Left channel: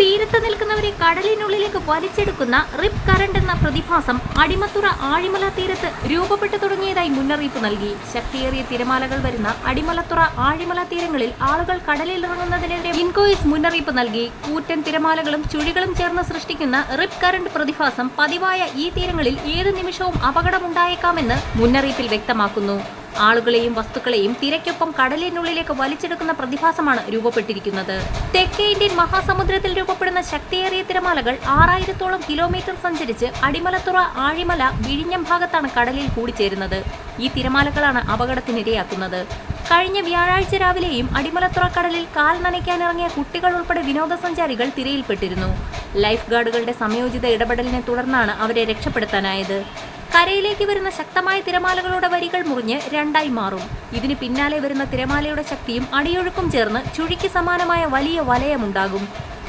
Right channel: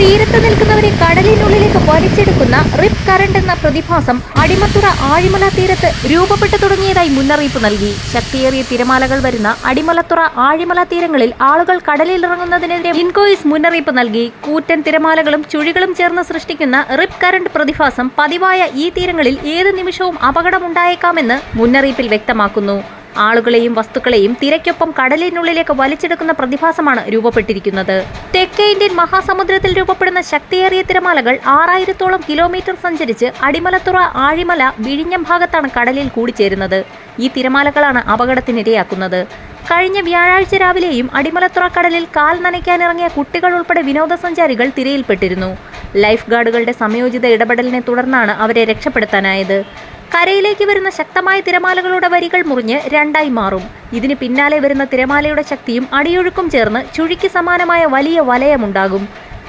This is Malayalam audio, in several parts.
തീരത്ത് നിൽക്കുന്നവരെ കടലിനുള്ളിലേക്ക് വലിച്ചെടുക്കുന്ന റിപ്പ് കറണ്ട് എന്ന പ്രതിഭാസം അടിമത്തുറ ആഴിമല തീരത്ത് രൂപപ്പെട്ടു തുടങ്ങിയതായി മുന്നറിയിപ്പ് നൽകി. ശക്തിയേറിയ തിരമാലകൾ വരുന്ന അടിമലത്തുറ ആഴിമല തീരങ്ങളിൽ ആളുകൾ കടലിൽ ഇറങ്ങുന്നതിനെതിരെ ഇൻകോയിസ് മുന്നറിയിപ്പ് നൽകി. കൂറ്റൻ തിരമാലകളും ചുഴികളും ചേർന്ന് സൃഷ്ടിക്കുന്ന റിപ്പ് കറണ്ട് പ്രതിഭാസം പതിവായ ഈ തീരങ്ങളിൽ ഏത് നിമിഷവും അപകടമുണ്ടായേക്കാമെന്ന് മുന്നറിയിപ്പിൽ വ്യക്തമാക്കുന്നു. ആളുകളെയും വസ്തുക്കളെയും തിരക്കൊപ്പം കടലിനുള്ളിലേക്ക് വലിച്ചെടുക്കുന്ന പ്രതിഭാസമാണ് രൂപപ്പെട്ടിരിക്കുന്നത്. തെക്കേ ഇന്ത്യൻ മഹാസമുദ്രത്തിൽ രൂപപ്പെടുന്ന ശക്തിയേറിയ തിരമാലകൾ ആറായിരത്തോളം കിലോമീറ്റർ സഞ്ചരിച്ച് അടിമലത്തുറ ആഴിമല വിഴിഞ്ഞം ഭാഗത്താണ് കടലിൽ കൂടിച്ചേരുന്നത്. ഈ തിരമാലകളാണ് അപകടത്തിനിരയാക്കുന്നത്. കഴിഞ്ഞ വ്യാഴാഴ്ച രാവിലെയും അടിമലത്തുറ കടലിൽ കാൽ നനയ്ക്കാനിറങ്ങിയ കുട്ടികൾ ഉൾപ്പെടെ വിനോദസഞ്ചാരികൾ തിരയിൽപ്പെട്ടിരുന്നു. ലൈഫ് ഗാർഡുകളുടെ സമയോചിത ഇടപെടലിനെ തുടർന്നാണ് അവരെ രക്ഷപ്പെടുത്താനായത്. കരയിലേക്ക് വരുന്ന ശക്തമായ തിരമാലകളുടെ വരികൾ മുറിഞ്ഞ് രണ്ടായി മാറും. ഇതിന് പിന്നാലെ വരുന്ന തിരമാലയുടെ ശക്തിയും അടിയൊഴുക്കും ചേർന്ന് ചുഴിക്ക് സമാനമായ വലിയ വലയമുണ്ടാകും.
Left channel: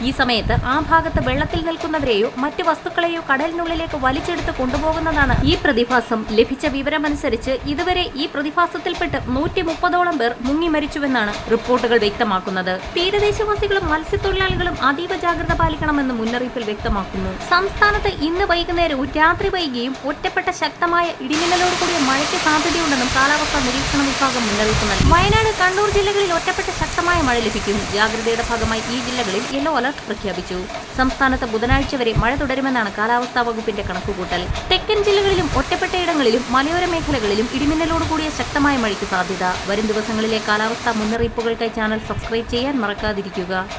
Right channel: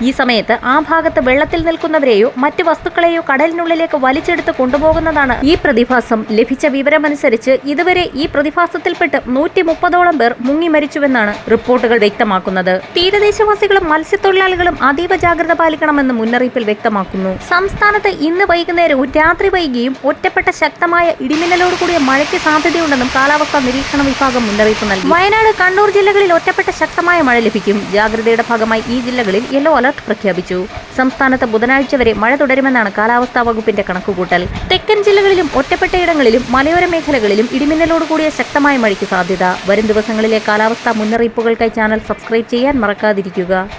ഈ സമയത്ത് ആ ഭാഗത്ത് വെള്ളത്തിൽ നിൽക്കുന്നവരെയോ മറ്റു വസ്തുക്കളെയോ കടലിനുള്ളിലേക്ക് വലിച്ചെടുത്ത് കൊണ്ടുപോകുന്നതാണ് ഈ പ്രതിഭാസം. ലഭിച്ച വിവരമനുസരിച്ച് ഇതുവരെ ഈ പ്രതിഭാസത്തിൽപ്പെട്ട് നൂറ്റി മുപ്പതോളം പേർ മുങ്ങി മരിച്ചുവെന്നാണ് റിപ്പോർട്ടുകൾ വ്യക്തമാക്കുന്നത്. തീരദേശവാസികളും മത്സ്യത്തൊഴിലാളികളും അതീവ ജാഗ്രത പാലിക്കണമെന്ന് മുന്നറിയിപ്പിൽ വ്യക്തമാക്കുന്നു. സംസ്ഥാനത്ത് ഇന്ന് വൈകുന്നേരവും രാത്രി വൈകിയും ഒറ്റപ്പെട്ട ശക്തമായ ഇടിമിന്നലോട് കൂടിയ മഴയ്ക്ക് സാധ്യതയുണ്ടെന്നും കാലാവസ്ഥാ നിരീക്ഷണ വിഭാഗം മുന്നറിയിപ്പ് നൽകി. വയനാട് കണ്ണൂർ ജില്ലകളിൽ ഒറ്റപ്പെട്ട ശക്തമായ മഴ ലഭിക്കും. ജാഗ്രതയുടെ ഭാഗമായി ഈ ജില്ലകളിൽ യെല്ലോ അലർട്ട് പ്രഖ്യാപിച്ചു. സംസ്ഥാനത്ത് ബുധനാഴ്ച വരെ മഴ തുടരുമെന്നാണ് കാലാവസ്ഥാ വകുപ്പിന്റെ കണക്കുകൂട്ടൽ. തെക്കൻ ജില്ലകളിലും ഒറ്റപ്പെട്ടയിടങ്ങളിലും മലയോര മേഖലകളിലും ഇടിമിന്നലോട് കൂടിയ ശക്തമായ മഴയ്ക്ക് സാധ്യത. വരും ദിവസങ്ങളിലെ കാലാവസ്ഥാ മുന്നറിയിപ്പുകൾക്കായി ചാനൽ സബ്സ്ക്രൈബ് ചെയ്യാൻ മറക്കാതിരിക്കുക.